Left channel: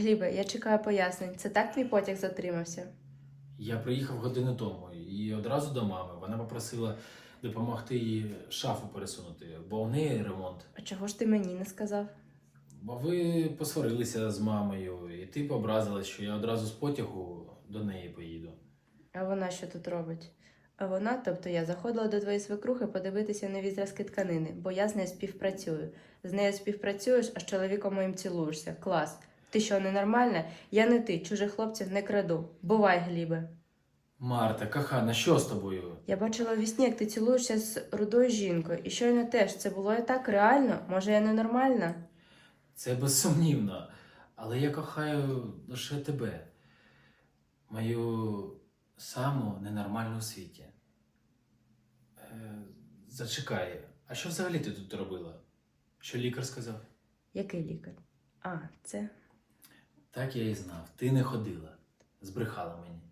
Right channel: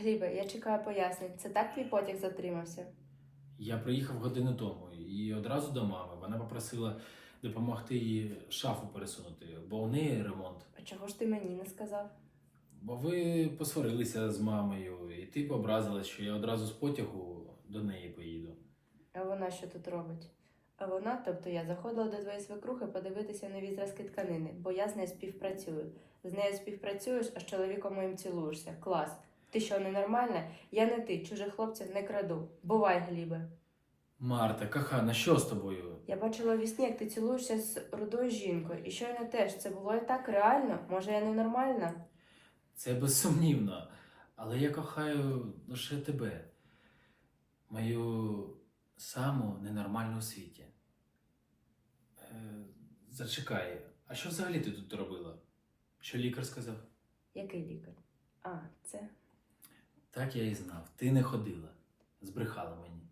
Глібе, я чекаю пояснень. Це так твій потяг затримався? Я приїхав годину тому і одразу до мами. Вона попросила допомогти їй шафу пересунути, бо у неї ремонт. А чого ж ти мені не сказав? Бо ви посварилися з мамою, і ти образилась, що я одразу з потягу до неї поїду. А вона що тут робить? А вона, тобто я заходила до твоєї свекрухи подивитися нові зразки тканини, бо я з нею співпрацюю. З нею співпрацюєш, а з чоловіком моїм цілуєшся. Клас. Ти що, ненормальна? Я не ти, чужих хлопців не краду. Бувай, Глібе. Марта, кохана, що з тобою? Я бачила у вісні, як ти цілуєшся з рудою жінкою, і щойно теж це було і так реально. Може, я ненормальна? Це безсумнівно, але я кохаю лише тебе, мою саму ненормальну у світі. Е, зачекай, а що взагалі ти тут робила? Що лікар сказав? Який лікар? А, це. Так я і знав. Ти не ходила, збрехала мені.